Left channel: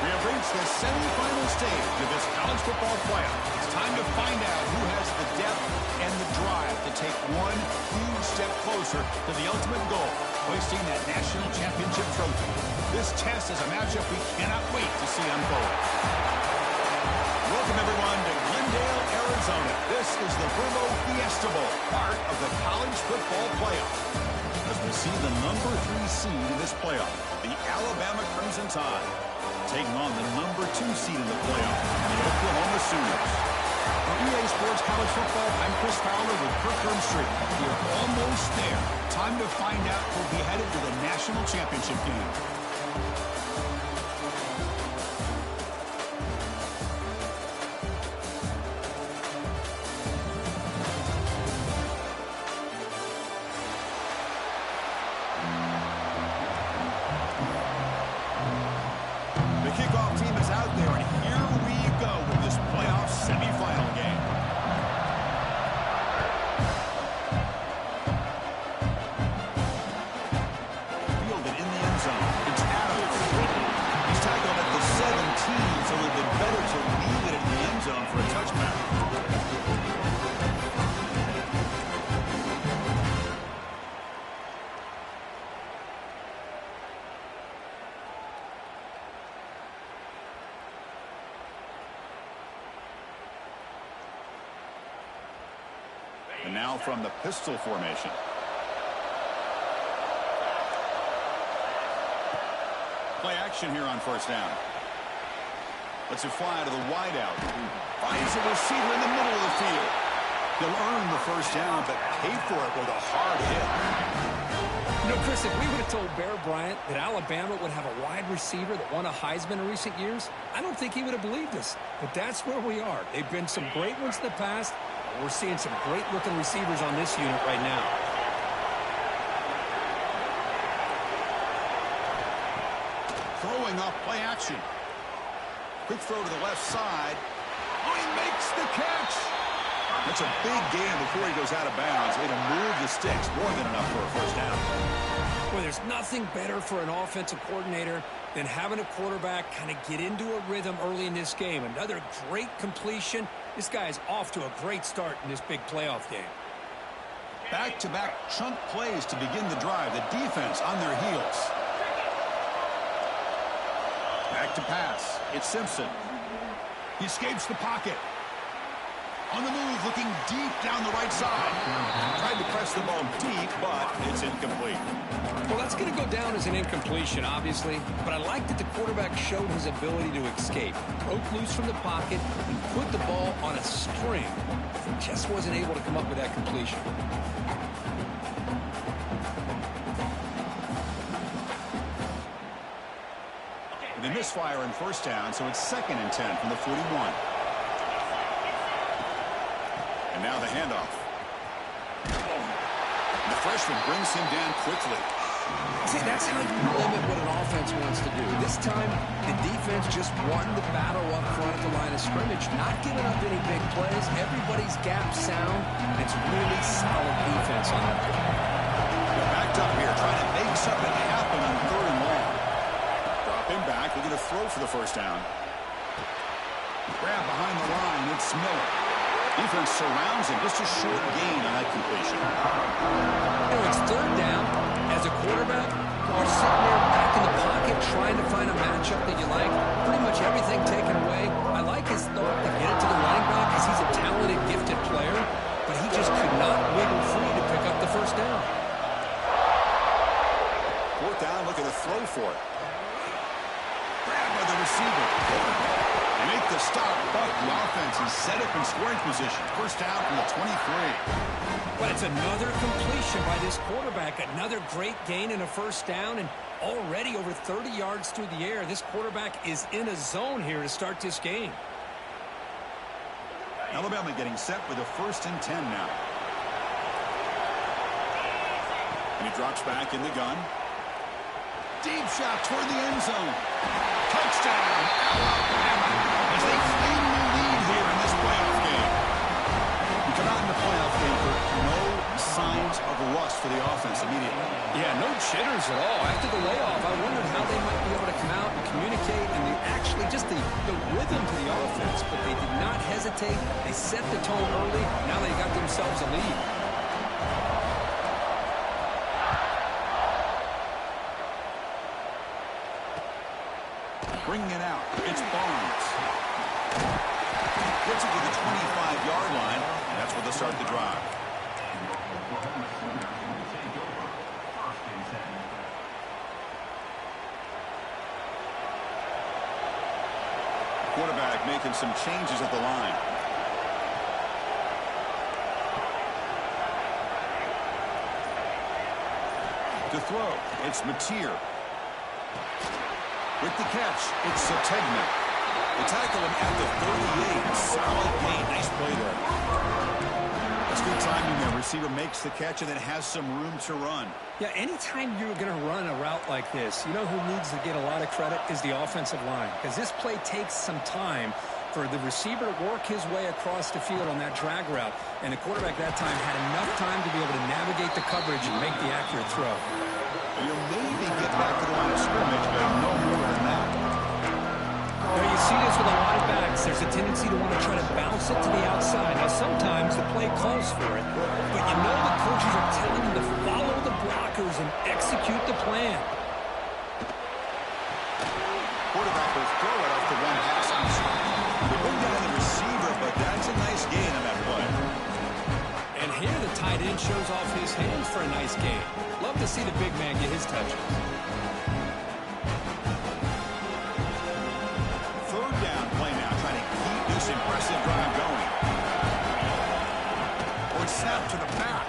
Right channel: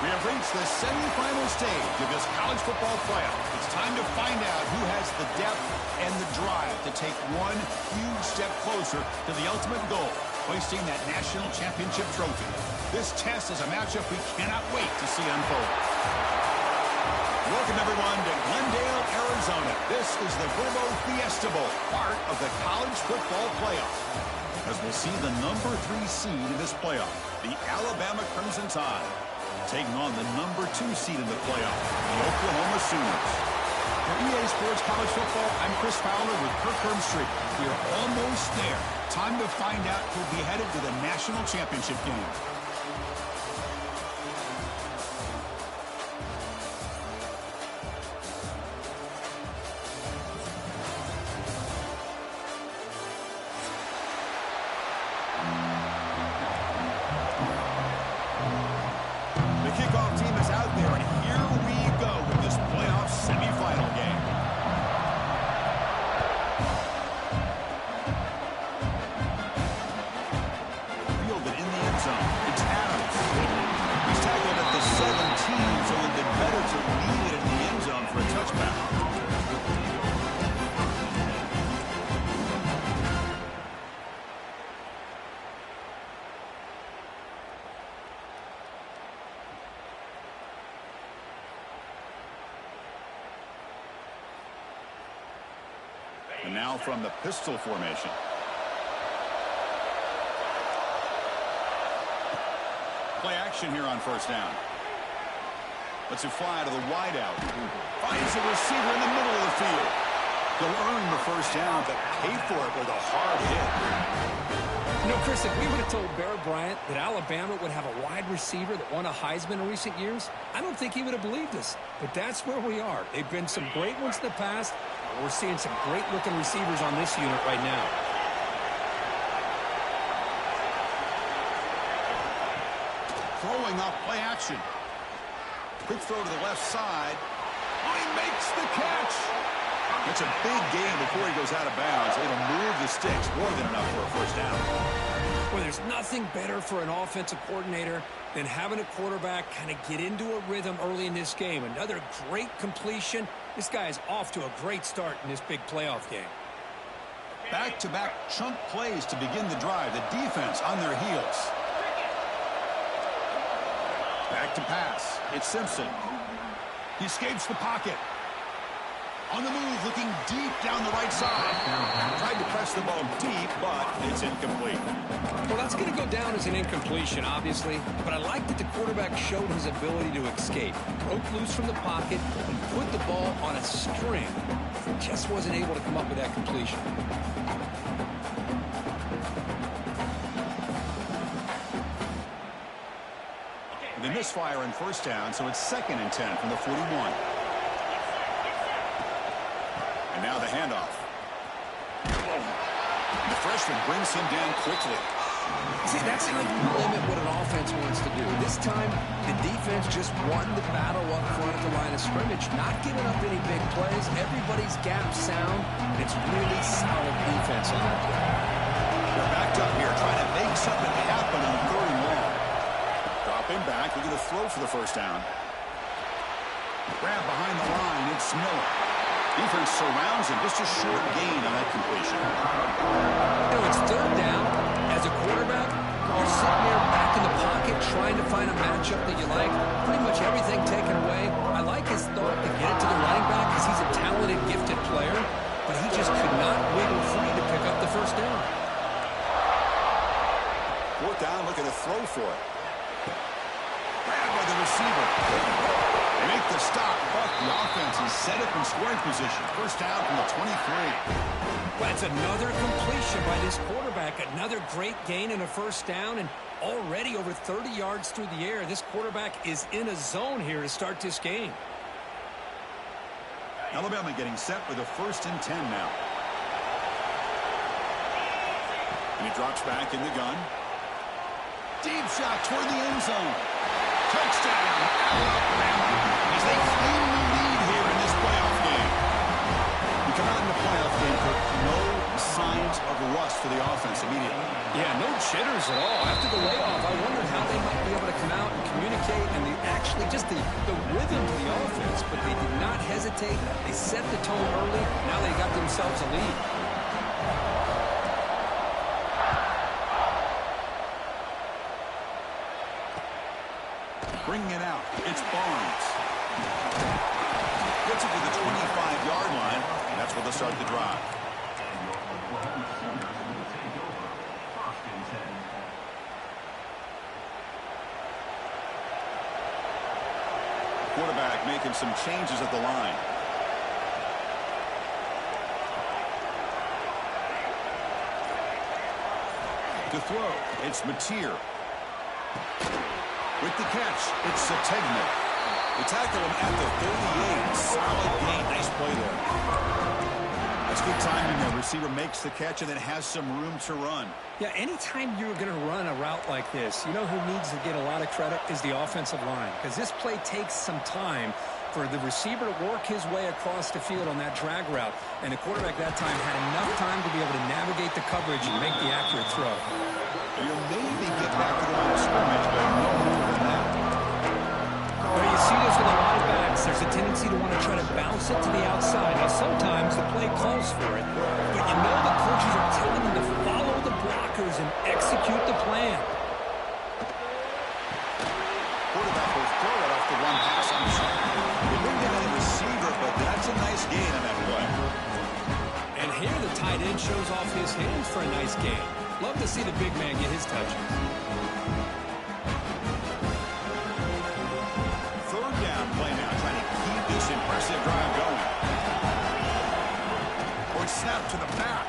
We have reached the semifinal stage of this college football playoff. It's time to find out who has the depth and the drive to take one huge step closer to the ultimate goal, hoisting that national championship trophy. This test is a matchup we cannot wait to see unfold. Welcome, everyone, to Glendale, Arizona. This is the Verbo Fiesta Bowl, part of the college football playoff. As we'll see the number 3 seed in this playoff, the Alabama Crimson Tide, taking on the number 2 seed in the playoff, the Oklahoma Sooners. For EA Sports College Football, I'm Chris Fowler with Kirk Hermstreet. We're almost there. Time to find out who'll be headed to the national championship game. And now from the pistol formation. Play action here on first down. Lets it fly to the wideout. Finds a receiver in the middle of the field. He'll earn the first down, but pay for it with a hard hit. You know, Chris, if we would have told Bear Bryant that Alabama would have a wide receiver that won a Heisman in recent years, I don't think he would have believed us. But that's where we are. They've been some great ones in the past. We're seeing some great-looking receivers on this unit right now. Throwing off play action. Quick throw to the left side. Oh, he makes the catch. That's a big gain before he goes out of bounds. It'll move the sticks more than enough for a first down. Well, there's nothing better for an offensive coordinator than having a quarterback kind of get into a rhythm early in this game. Another great completion. This guy is off to a great start in this big playoff game. Back-to-back chunk plays to begin the drive. The defense on their heels. Back to pass. It's Simpson. He escapes the pocket. On the move, looking deep down the right side. Tried to press the ball deep, but it's incomplete. Well, that's going to go down as an incompletion, obviously. But I like that the quarterback showed his ability to escape. Broke loose from the pocket and put the ball on a string. Just wasn't able to come up with that completion. They misfire in first down, so it's 2nd and 10 from the 41. And now the handoff. The freshman brings him down quickly. See, that's how you limit what an offense wants to do. This time, the defense just won the battle up front at the line of scrimmage, not giving up any big plays. Everybody's gap sound. It's really solid defense on that play. They're backed up here, trying to make something happen on 3rd and long. Drop him back. We're going to throw for the first down. Grab behind the line. It's Miller. Defense surrounds him. Just a short gain on that completion. You know, it's 3rd down. As a quarterback, you're sitting there back in the pocket trying to find a matchup that you like. Pretty much everything taken away. I like his thought to get it to the running back because he's a talented, gifted player, but he just could not wiggle free to pick up the first down. 4th down, looking to throw for it. Grabbed by the receiver. They make the stop, but the offense is set up in scoring position. First down from the 23. Well, that's another completion by this quarterback. Another great gain in a first down, and already over 30 yards through the air. This quarterback is in a zone here to start this game. Alabama getting set with a 1st and 10 now. And he drops back in the gun. Deep shot toward the end zone. Touchdown, Alabama, as they claim the lead here in this playoff game. We come out in the playoff game for no signs of rust for the offense immediately. Yeah, no jitters at all. After the layoff, I wondered how they might be able to come out and communicate and actually just the rhythm to the offense. But they did not hesitate. They set the tone early. Now they got themselves a lead. Bringing it out, it's Barnes. Gets it to the 25-yard line. That's where they'll start the drive. Quarterback making some changes at the line. To throw, it's Mateer. With the catch, it's Sategna. They tackle him at the 38. Solid gain. Nice play there. That's good timing there. Receiver makes the catch and then has some room to run. Yeah, anytime you're going to run a route like this, you know who needs to get a lot of credit is the offensive line. Because this play takes some time for the receiver to work his way across the field on that drag route. And the quarterback that time had enough time to be able to navigate the coverage and make the accurate throw. You'll maybe get back to the line of scrimmage, but no more than that. Well, you see this with a lot of backs. There's a tendency to want to try to bounce it to the outside. Now, sometimes the play calls for it, but you know the coaches are telling you to follow the blockers and execute the plan. Quarterback will throw it off the one pass option. They bring down the receiver, but that's a nice gain on that play. And here the tight end shows off his hands for a nice gain. Love to see the big man get his touches. Third down play now, trying to keep this impressive drive going. Or snap to the back.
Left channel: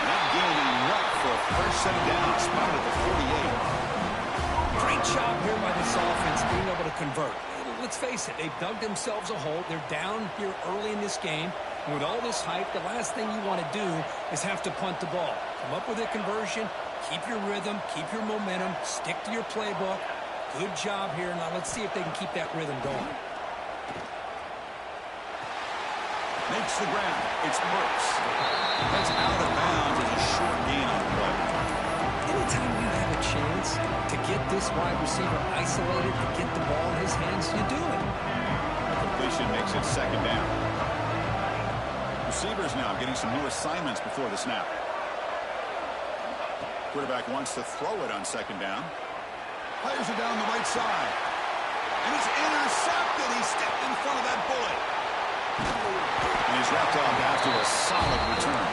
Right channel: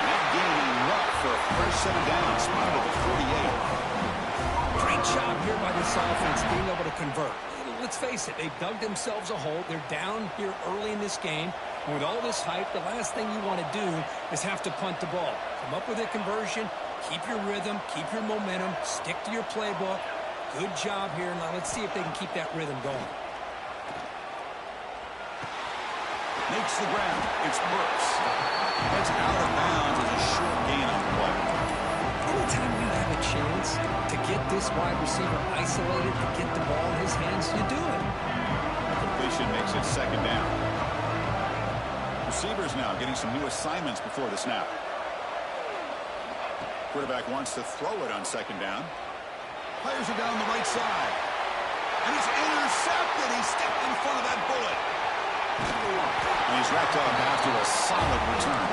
And that gain enough for a fresh set of downs, spotted at the 48. Great job here by this offense being able to convert. Let's face it, they've dug themselves a hole. They're down here early in this game. And with all this hype, the last thing you want to do is have to punt the ball. Come up with a conversion, keep your rhythm, keep your momentum, stick to your playbook. Good job here. Now let's see if they can keep that rhythm going. Makes the ground. It's Burks. That's out of bounds as a short gain on the play. Anytime you have a chance to get this wide receiver isolated, to get the ball in his hands, you do it. Completion makes it second down. Receivers now getting some new assignments before the snap. Quarterback wants to throw it on second down. Fires it down the right side. And it's intercepted. He stepped in front of that bullet. And he's wrapped up after a solid return.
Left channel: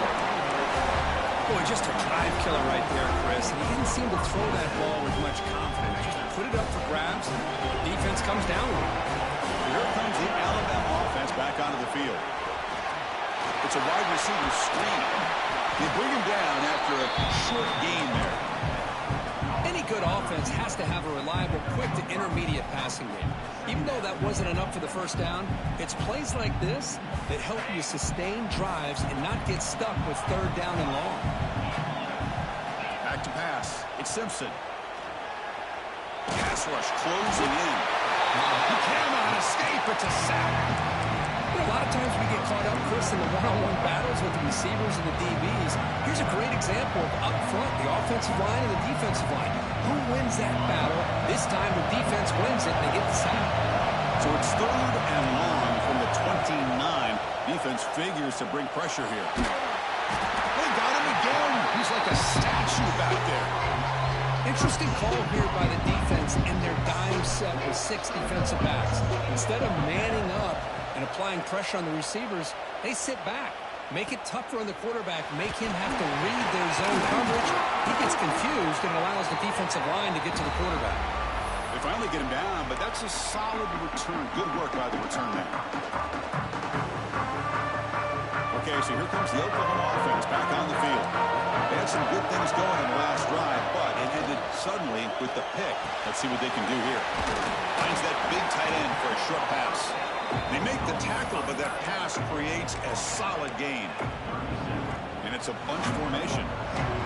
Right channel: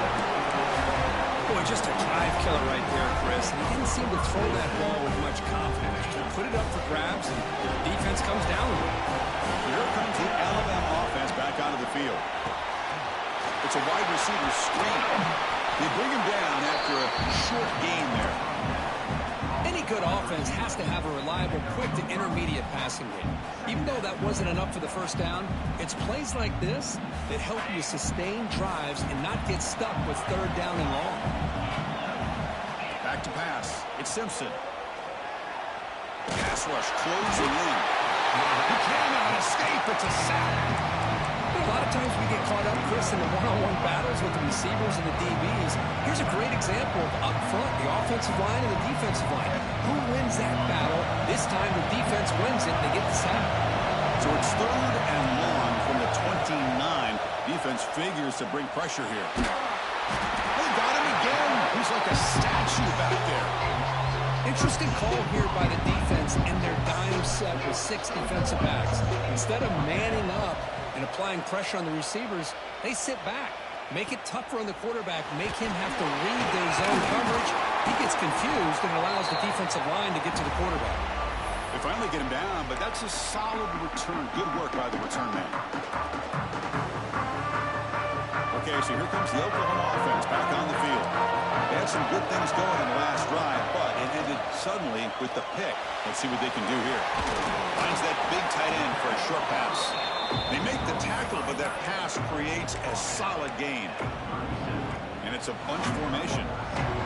Boy, just a drive killer right there, Chris. And he didn't seem to throw that ball with much confidence. Just put it up for grabs, and the defense comes down with it. Here comes the Alabama offense back onto the field. It's a wide receiver screen. They bring him down after a short gain there. Any good offense has to have a reliable, quick to intermediate passing game. Even though that wasn't enough for the first down, it's plays like this that help you sustain drives and not get stuck with third down and long. Back to pass. It's Simpson. Pass rush closing in. He cannot escape. It's a sack. You know, a lot of times we get caught up, Chris, in the one-on-one battles with the receivers and the DBs. Here's a great example of up front, the offensive line and the defensive line. Who wins that battle? This time the defense wins it and they get the sack. So it's third and long from the 29. Defense figures to bring pressure here. They got him again. He's like a statue back there. Interesting call here by the defense in their dime set with 6 defensive backs. Instead of manning up and applying pressure on the receivers, they sit back. Make it tougher on the quarterback. Make him have to read their zone coverage. He gets confused and allows the defensive line to get to the quarterback. They finally get him down, but that's a solid return. Good work by the return man. Okay, so here comes the Oklahoma offense back on the field. They had some good things going in the last drive, but it ended suddenly with the pick. Let's see what they can do here. Finds that big tight end for a short pass. They make the tackle, but that pass creates a solid gain. And it's a bunch formation.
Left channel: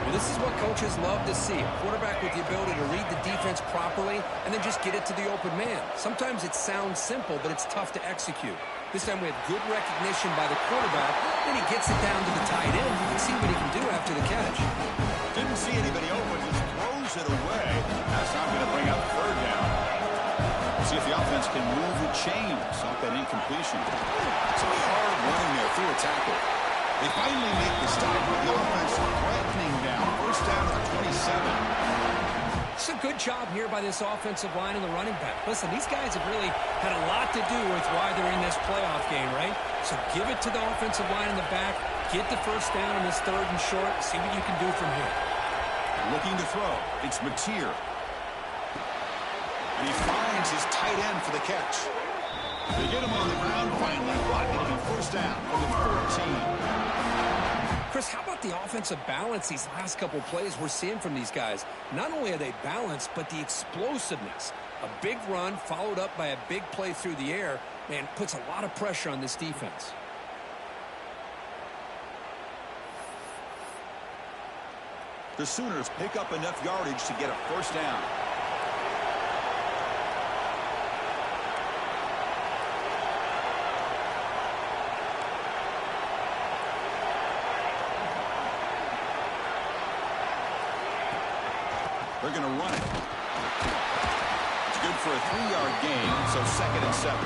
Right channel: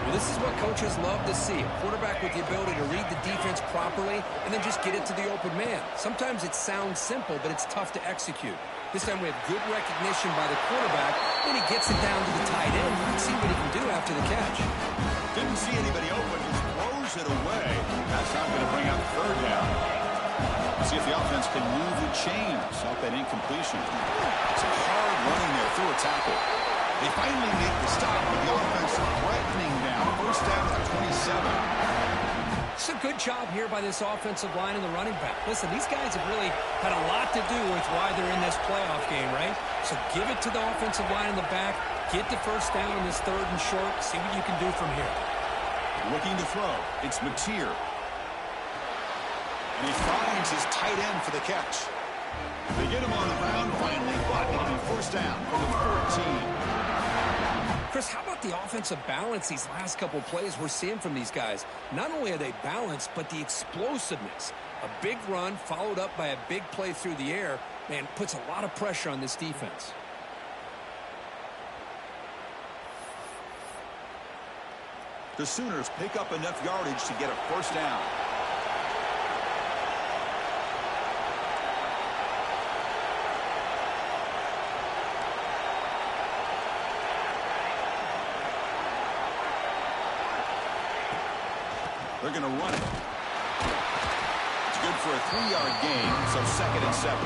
Well, this is what coaches love to see. A quarterback with the ability to read the defense properly and then just get it to the open man. Sometimes it sounds simple, but it's tough to execute. This time we have good recognition by the quarterback. Then he gets it down to the tight end. You can see what he can do after the catch. Didn't see anybody open, just throws it away. That's not going to bring up third down. See if the offense can move the chains off that incompletion. Some hard running there through a tackle. They finally make the stop with the offense threatening down. First down at the 27. It's a good job here by this offensive line and the running back. Listen, these guys have really had a lot to do with why they're in this playoff game, right? So give it to the offensive line in the back. Get the first down on this third and short. See what you can do from here. Looking to throw. It's Mateer. And he finds his tight end for the catch. They get him on the ground finally, but it'll be first down from the 14. Chris, how about the offensive balance these last couple plays we're seeing from these guys? Not only are they balanced, but the explosiveness. A big run followed up by a big play through the air, man, puts a lot of pressure on this defense. The Sooners pick up enough yardage to get a first down. They're going to run it. It's good for a 3-yard gain, so 2nd and 7.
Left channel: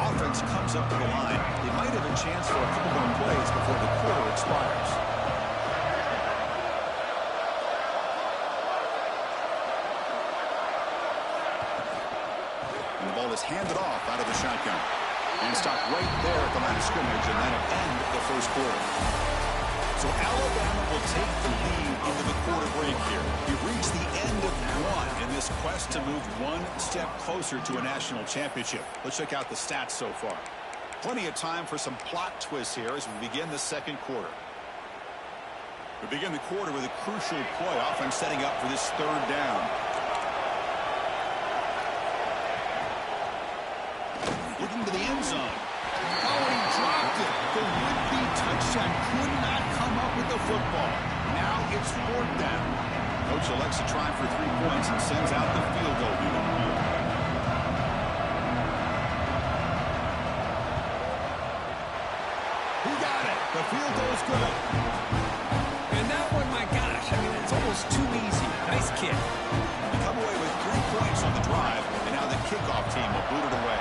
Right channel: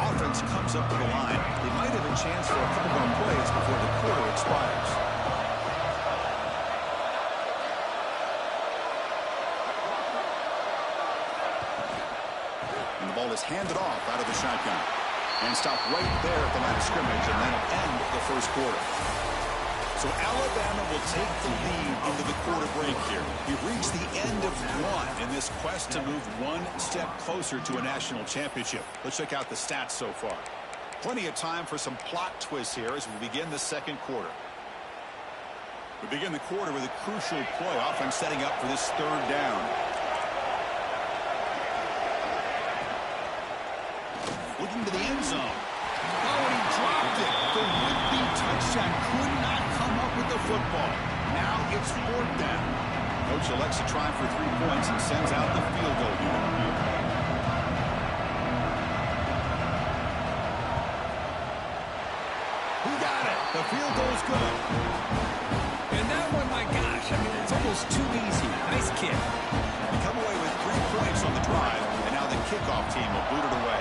Offense comes up to the line. They might have a chance for a couple more plays before the quarter expires. And the ball is handed off out of the shotgun. And stopped right there at the line of scrimmage, and that'll end the first quarter. So Alabama will take the lead into the quarter break here. We've reached the end of one in this quest to move one step closer to a national championship. Let's check out the stats so far. Plenty of time for some plot twists here as we begin the second quarter. We begin the quarter with a crucial play, offense setting up for this third down. Looking to the end zone. Oh, and he dropped it. The would-be touchdown could not come up with the football. Now it's fourth down. Coach elects to try for 3 points and sends out the field goal unit. He got it. The field goal's good. And that one, my gosh, I mean, it's almost too easy. Nice kick. They come away with 3 points on the drive, and now the kickoff team will boot it away.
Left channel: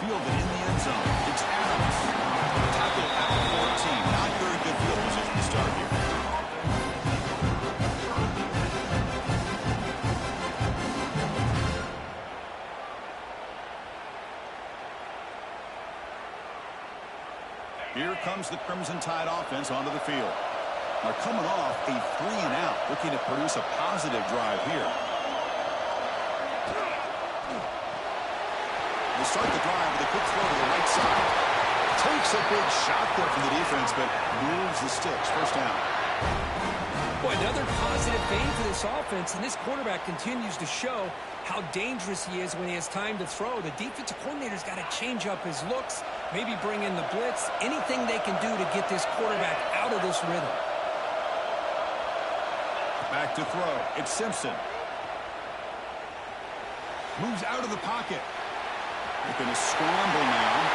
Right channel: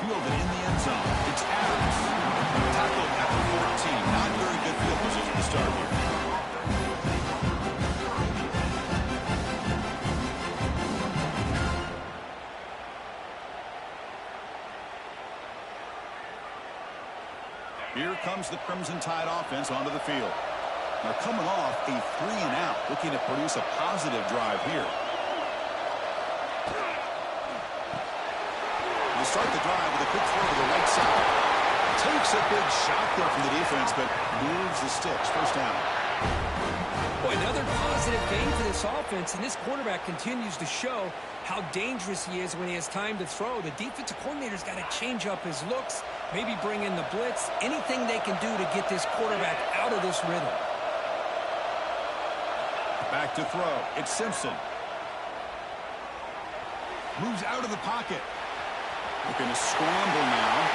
Fielded in the end zone. It's Adams. Tackled at the 14. Not very good field position to start here. Here comes the Crimson Tide offense onto the field. They're coming off a 3-and-out, looking to produce a positive drive here. We'll start the drive with a quick throw to the right side. Takes a big shot there from the defense, but moves the sticks. First down. Boy, another positive gain for this offense, and this quarterback continues to show how dangerous he is when he has time to throw. The defensive coordinator's got to change up his looks, maybe bring in the blitz, anything they can do to get this quarterback out of this rhythm. Back to throw. It's Simpson. Moves out of the pocket. Looking to scramble now.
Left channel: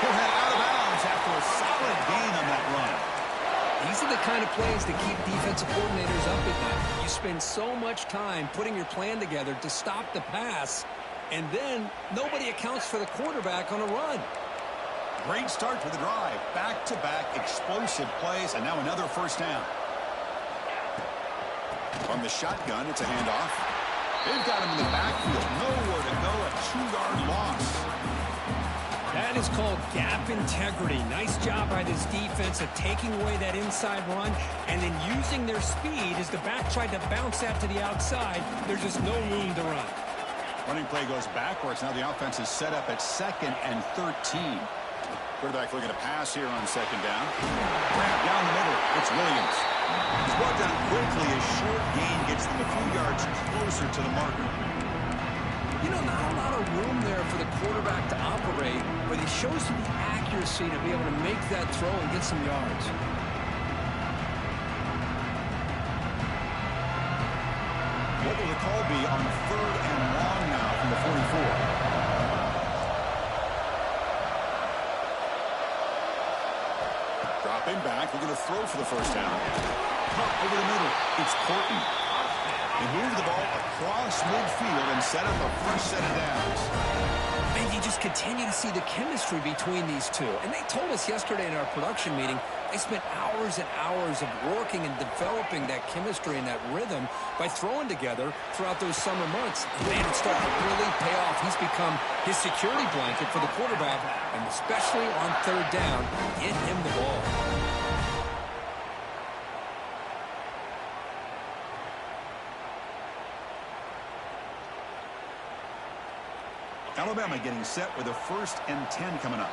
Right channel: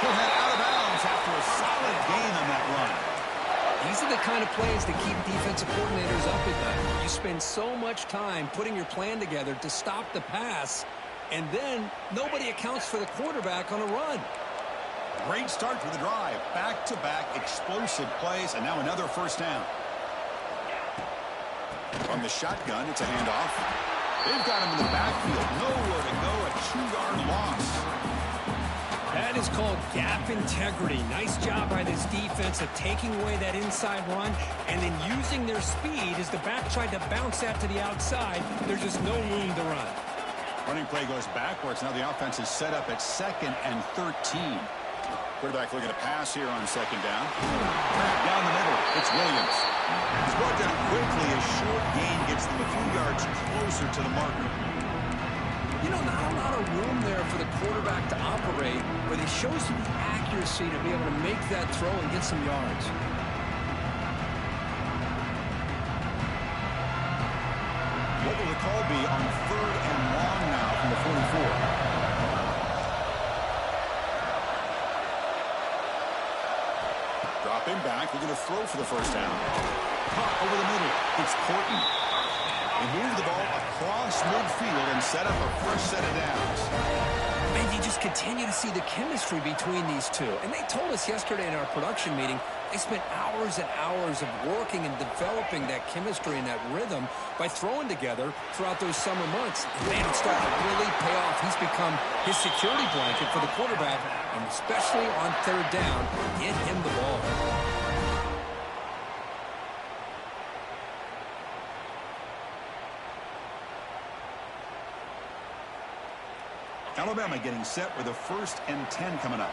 He'll head out of bounds after a solid gain on that run. These are the kind of plays that keep defensive coordinators up at night. You spend so much time putting your plan together to stop the pass, and then nobody accounts for the quarterback on a run. Great start to the drive. Back-to-back explosive plays, and now another first down. From the shotgun, it's a handoff. They've got him in the backfield. Nowhere to go. A 2-yard loss. That is called gap integrity. Nice job by this defense of taking away that inside run and then using their speed as the back tried to bounce that to the outside. There's just no room to run. Running play goes backwards. Now the offense is set up at 2nd and 13. Quarterback looking to pass here on 2nd down. Trap down the middle. It's Williams. He's brought down quickly. A short gain gets them a few yards closer to the marker. You know, not a lot of room there for the quarterback to operate, but he shows you the accuracy to be able to make that throw and get some yards. What will the call be on 3rd and long now from the 44? Dropping back, looking to throw for the first down. Caught over the middle. It's Horton. They move the ball across midfield and set up a first set of downs. And you just continue to see the chemistry between these two. And they told us yesterday in our production meeting, they spent hours and hours of working and developing that chemistry and that rhythm by throwing together throughout those summer months. And man, it's starting to really pay off. He's become his security blanket for the quarterback, and especially on 3rd down, get him the ball. Alabama getting set with a 1st and 10 coming up.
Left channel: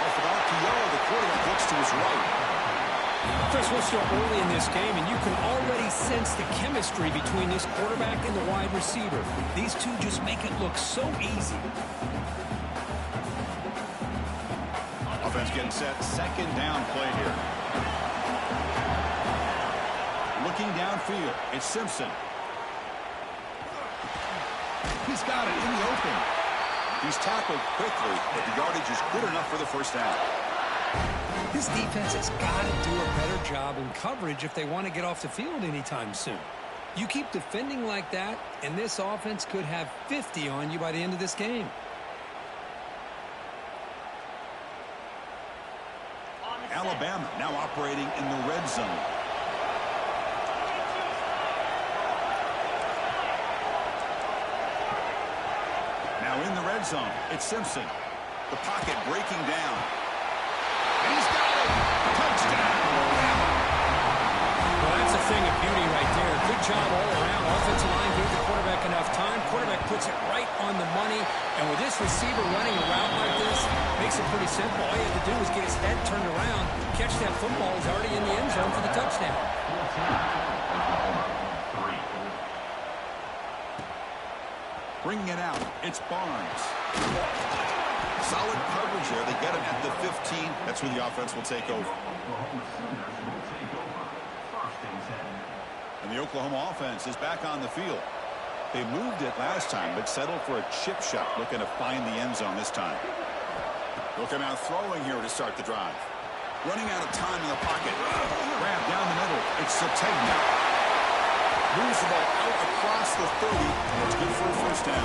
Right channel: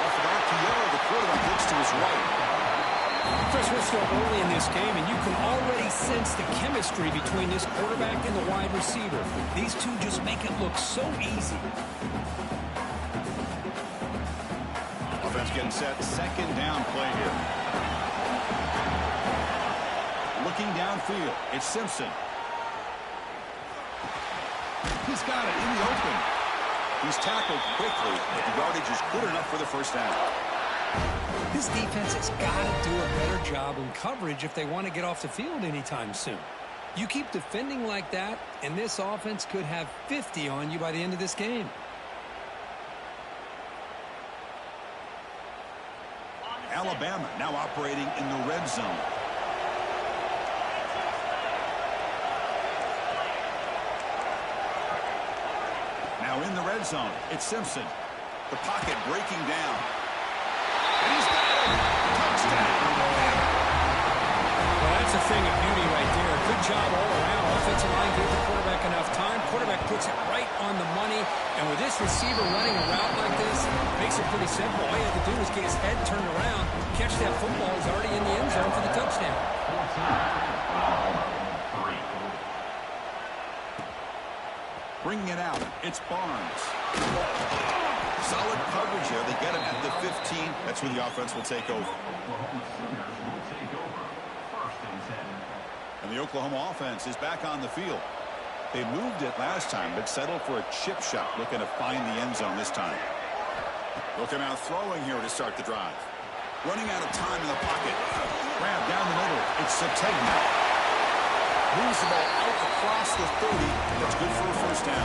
Off with RPO, the quarterback looks to his right. Chris, we're still early in this game, and you can already sense the chemistry between this quarterback and the wide receiver. These two just make it look so easy. Offense getting set, 2nd down play here. Looking downfield, it's Simpson. He's got it in the open. He's tackled quickly, but the yardage is good enough for the first down. This defense has got to do a better job in coverage if they want to get off the field anytime soon. You keep defending like that, and this offense could have 50 on you by the end of this game. Alabama now operating in the red zone. Now in the red zone, it's Simpson. The pocket breaking down. And he's got it! Touchdown! Well, that's a thing of beauty right there. Good job all around. Offensive line gave the quarterback enough time. Quarterback puts it right on the money. And with this receiver running a route like this, makes it pretty simple. All you have to do is get his head turned around, catch that football. He's already in the end zone for the touchdown. Bringing it out, it's Barnes. Solid coverage there. They get him at the 15. That's where the offense will take over. And the Oklahoma offense is back on the field. They moved it last time, but settled for a chip shot, looking to find the end zone this time. They'll come out throwing here to start the drive. Running out of time in the pocket. Grab down the middle. It's Sategna. Moves the ball out across the 30, and it's good for a first down.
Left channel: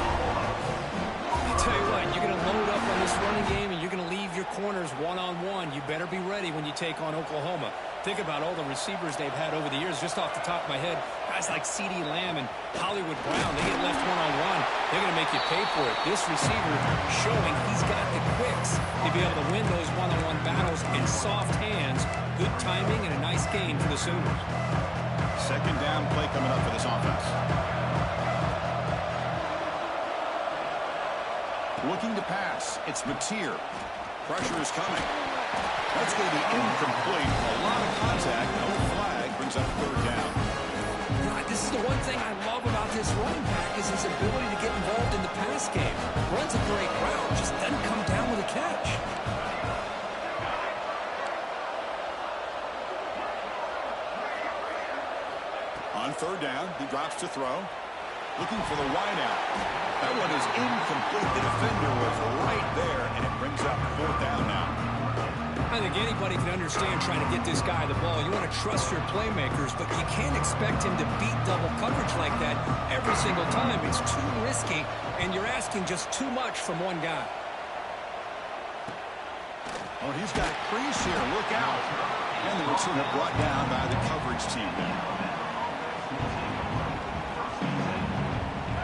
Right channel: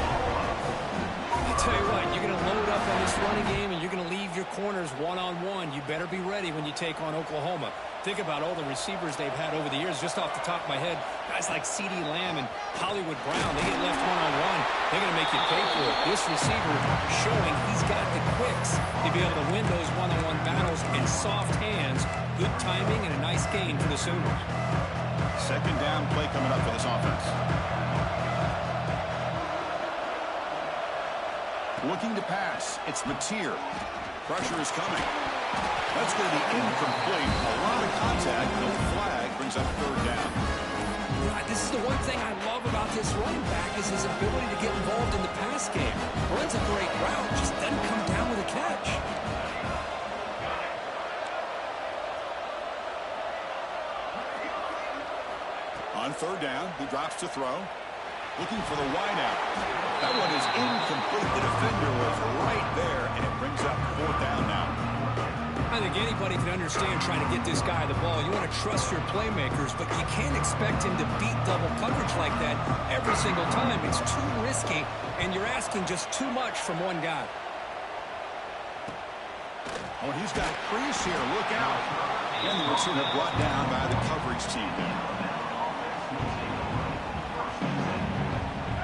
I tell you what, you're going to load up on this running game, and you're going to leave your corners one-on-one. You better be ready when you take on Oklahoma. Think about all the receivers they've had over the years. Just off the top of my head, guys like CeeDee Lamb and Hollywood Brown, they get left one-on-one. They're going to make you pay for it. This receiver showing he's got the quicks to be able to win those one-on-one battles in soft hands. Good timing and a nice gain for the Sooners. 2nd down play coming up for this offense. Looking to pass. It's Mateer. Pressure is coming. That's going to be incomplete. A lot of contact. No flag. Brings up 3rd down. Right, this is the one thing I love about this running back is his ability to get involved in the pass game. Runs a great route, just doesn't come down with a catch. On 3rd down, he drops to throw. Looking for the wideout. That one is incomplete. The defender was right there, and it brings up 4th down now. I think anybody can understand trying to get this guy the ball. You want to trust your playmakers, but you can't expect him to beat double coverage like that every single time. It's too risky, and you're asking just too much from one guy. Oh, he's got a crease here. Look out. And the return brought down by the coverage team there.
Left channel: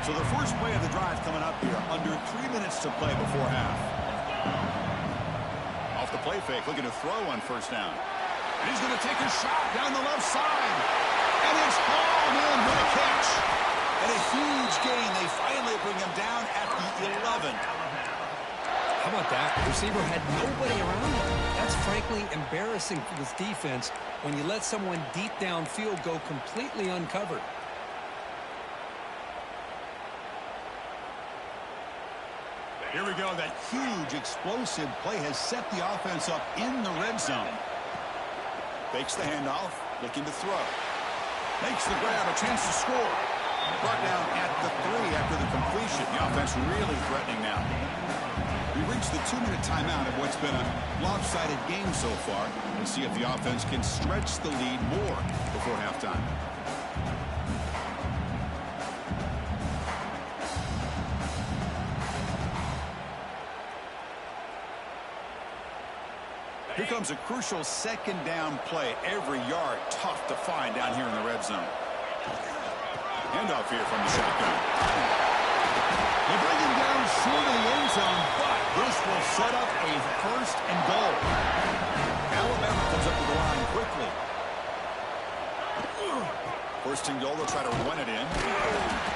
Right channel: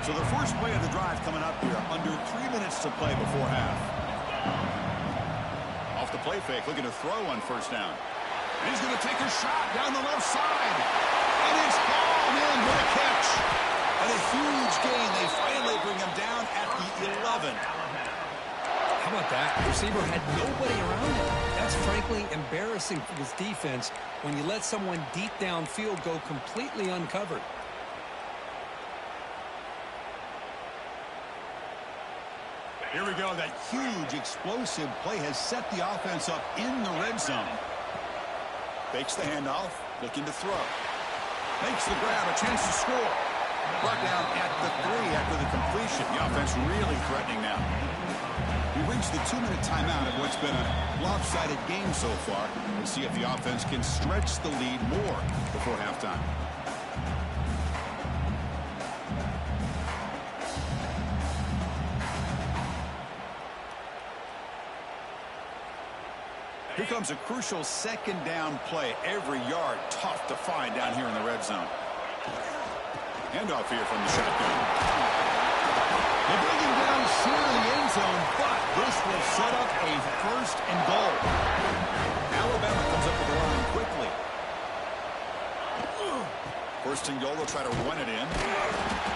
So the first play of the drive coming up here. Under 3 minutes to play before half. Off the play fake, looking to throw on 1st down. And he's going to take a shot down the left side. And it's hauled in with a catch. And a huge gain. They finally bring him down at the 11. How about that? The receiver had nobody around him. That's frankly embarrassing for this defense when you let someone deep downfield go completely uncovered. Here we go. That huge explosive play has set the offense up in the red zone. Fakes the handoff, looking to throw. Makes the grab, a chance to score. Brought down at the 3 after the completion. The offense really threatening now. We reached the 2-minute timeout of what's been a lopsided game so far. Let's see if the offense can stretch the lead more before halftime. Here comes a crucial second down play. Every yard tough to find down here in the red zone. Handoff here from the shotgun. They bring him down short of the end zone, but this will set up a 1st and goal. Alabama comes up to the line quickly. 1st and goal, they'll try to run it in.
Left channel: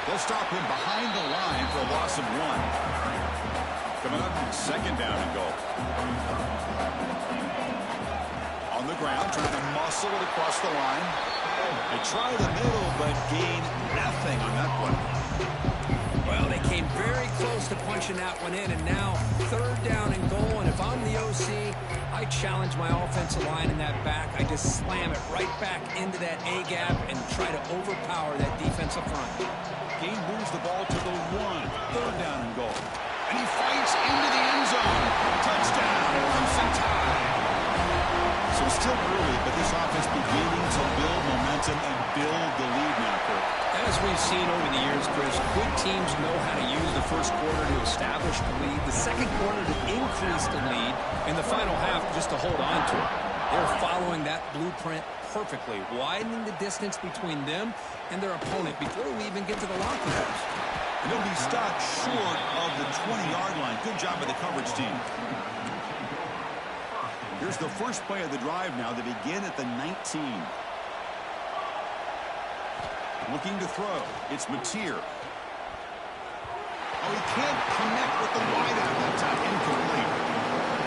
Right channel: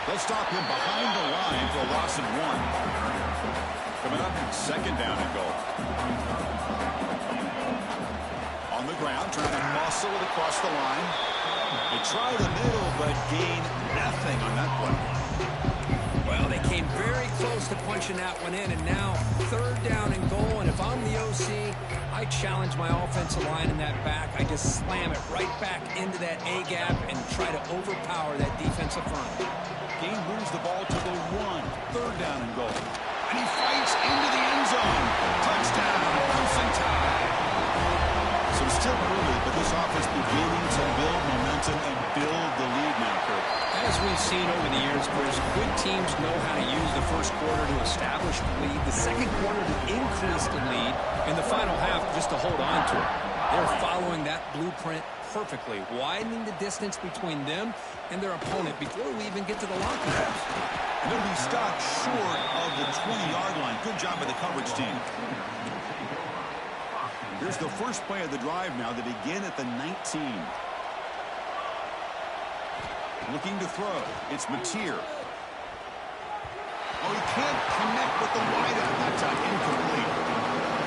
They'll stop him behind the line for a loss of 1. Coming up, 2nd down and goal. On the ground, trying to muscle it across the line. They try the middle, but gain nothing on that play. Well, they came very close to punching that one in, and now 3rd down and goal. And if I'm the OC, I challenge my offensive line in that back. I just slam it right back into that A-gap and try to overpower that defensive front. Gain moves the ball to the 1. 3rd down and goal. And he fights into the end zone. Touchdown, Crimson Tide. So it's still early, but this offense beginning to build momentum and build the lead now, Kirk. As we've seen over the years, Chris, good teams know how to use the 1st quarter to establish the lead, the 2nd quarter to increase the lead, and the final half just to hold on to it. They're following that blueprint perfectly, widening the distance between them and their opponent before we even get to the locker rooms. And they'll be stopped short of the 20-yard line. Good job by the coverage team. Here's the first play of the drive now. They begin at the 19. Looking to throw. It's Mateer. Oh, he can't connect with the wideout that time. Incomplete.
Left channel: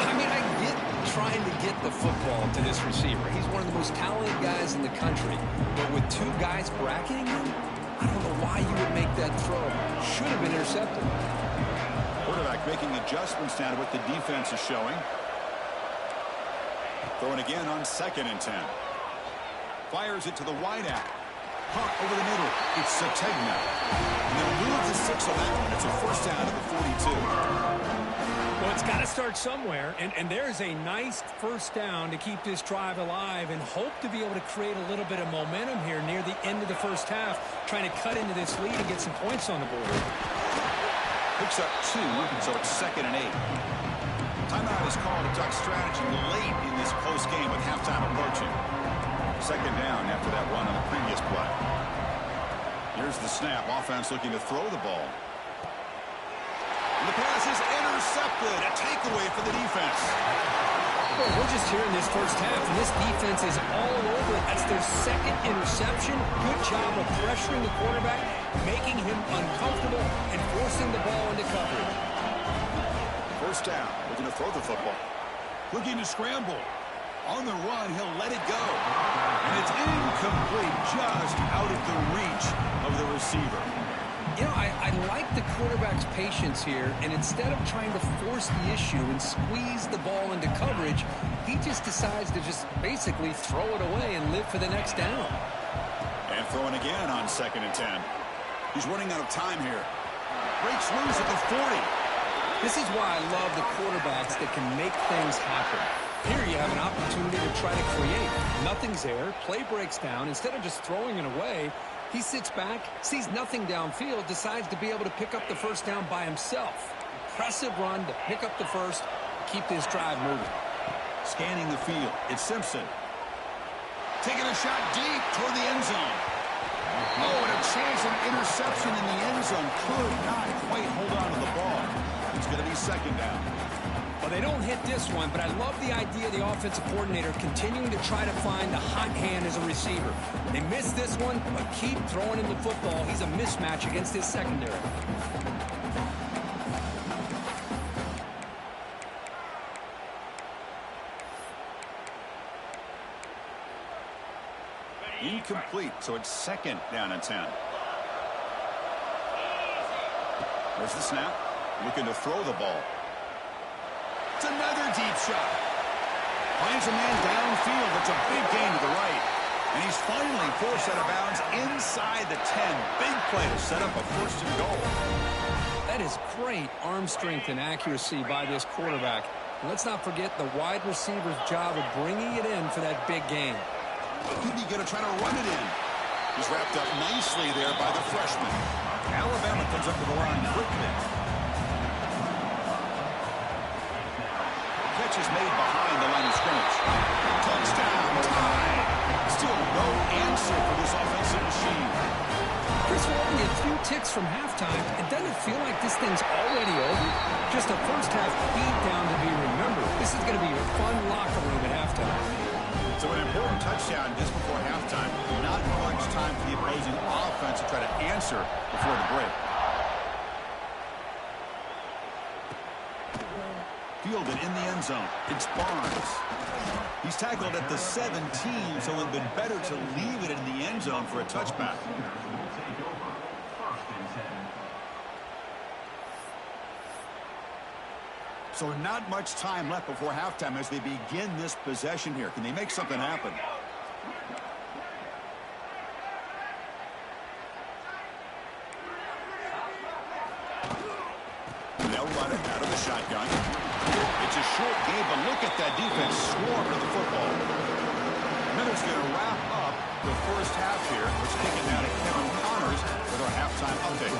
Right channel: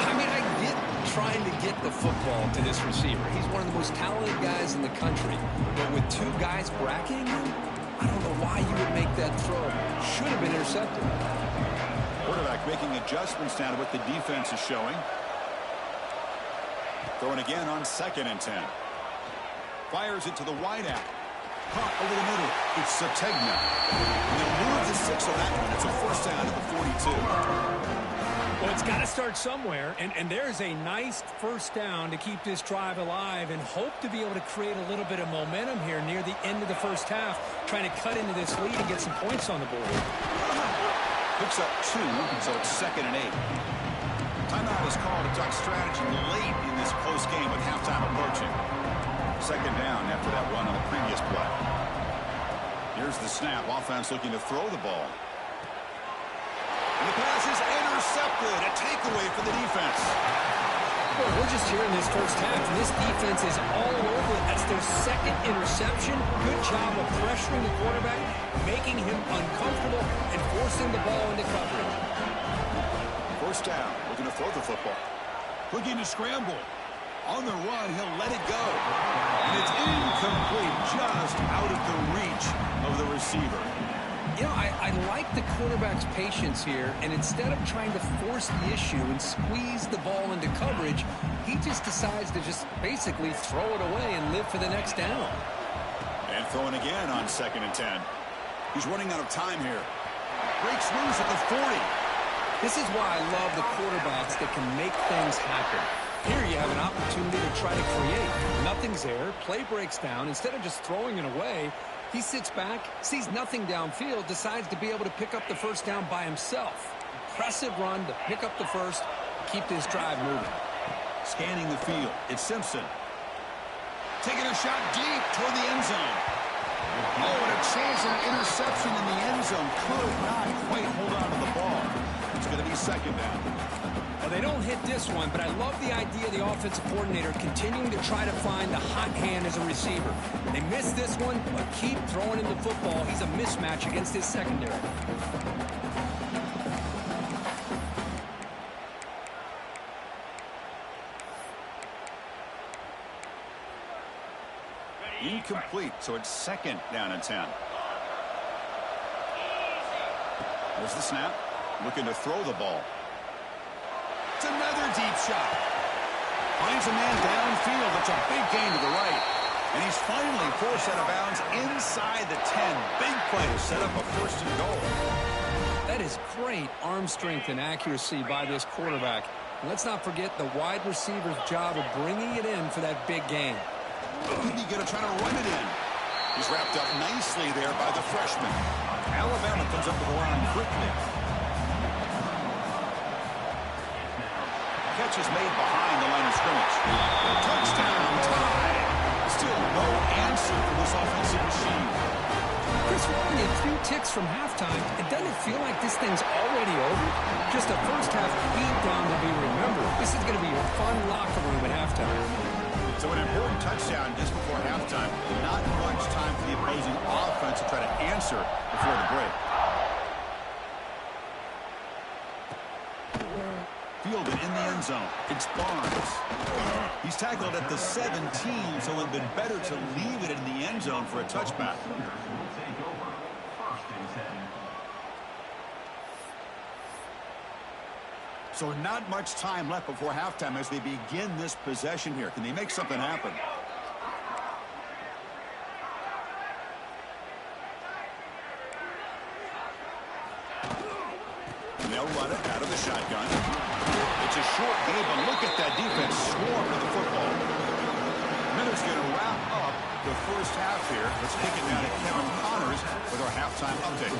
I mean, I get trying to get the football to this receiver. He's one of the most talented guys in the country. But with 2 guys bracketing him, I don't know why you would make that throw. Should have been intercepted. Quarterback making adjustments now to what the defense is showing. Throwing again on 2nd and 10. Fires it to the wideout. Caught over the middle. It's Sategna. And they'll move the 6 on that one. It's a 1st down to the 42. Well, it's got to start somewhere, and there's a nice 1st down to keep this drive alive and hope to be able to create a little bit of momentum here near the end of the 1st half, trying to cut into this lead and get some points on the board. Picks up 2, so it's 2nd and 8. Timeout is called to talk strategy late in this close game with halftime approaching. 2nd down after that run on the previous play. Here's the snap. Offense looking to throw the ball. And the pass is intercepted. A takeaway for the defense. Well, we're just here in this 1st half, and this defense is all over it. That's their 2nd interception. Good job of pressuring the quarterback, making him uncomfortable, and forcing the ball into coverage. 1st down, looking to throw the football. Looking to scramble. On the run, he'll let it go. And it's incomplete, just out of the reach of the receiver. You know, I like the quarterback's patience here, and instead of trying to force the issue and squeeze the ball into coverage, he just decides to just basically throw it away and live for the next down. And throwing again on 2nd and 10. He's running out of time here. Breaks loose at the 40. This is why I love the quarterbacks that can make things happen. Here you have an opportunity to try to create. Nothing's there. Play breaks down. Instead of just throwing it away, he sits back, sees nothing downfield, decides to be able to pick up the 1st down by himself. Impressive run to pick up the 1st, keep this drive moving. Scanning the field. It's Simpson. Taking a shot deep toward the end zone. Oh, and a chance at an interception in the end zone. Could not quite hold on to the ball. It's going to be 2nd down. Well, they don't hit this one, but I love the idea of the offensive coordinator continuing to try to find the hot hand as a receiver. They missed this one, but keep throwing him the football. He's a mismatch against his secondary. Incomplete, so it's 2nd down and 10. There's the snap. Looking to throw the ball. It's another deep shot. Finds a man downfield. That's a big gain to the right. And he's finally forced out of bounds inside the 10. Big play to set up a 1st and goal. That is great arm strength and accuracy by this quarterback. And let's not forget the wide receiver's job of bringing it in for that big gain. He's going to try to run it in. He's wrapped up nicely there by the freshman. Alabama comes up to the line quickly. Catch is made behind the line of scrimmage. Touchdown, Tide. Still no answer for this offensive machine. Chris, we're only a few ticks from halftime. And doesn't it feel like this thing's already over? Just a first half beatdown to be remembered. This is going to be a fun locker room at halftime. So an important touchdown just before halftime. Not much time for the opposing offense to try to answer before the break. Fielded in the end zone. It's Barnes. He's tackled at the 17, so it would have been better to leave it in the end zone for a touchback. So not much time left before halftime as they begin this possession here. Can they make something happen? They'll run it out of the shotgun. It's a short game, but look at that defense swarm to the football. Miller's going to wrap up the first half here. Let's take it now to Kevin Connors with our halftime update.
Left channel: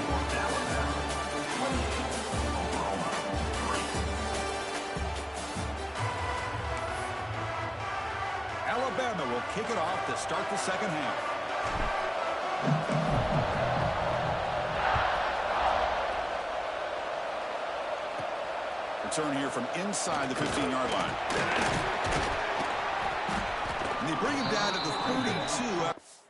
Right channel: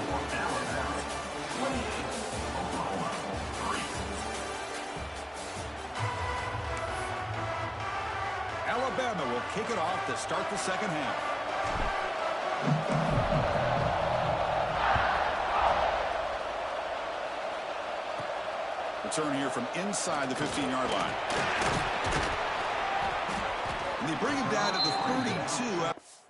Alabama will kick it off to start the second half. Return here from inside the 15-yard line. And they bring him down to the 32.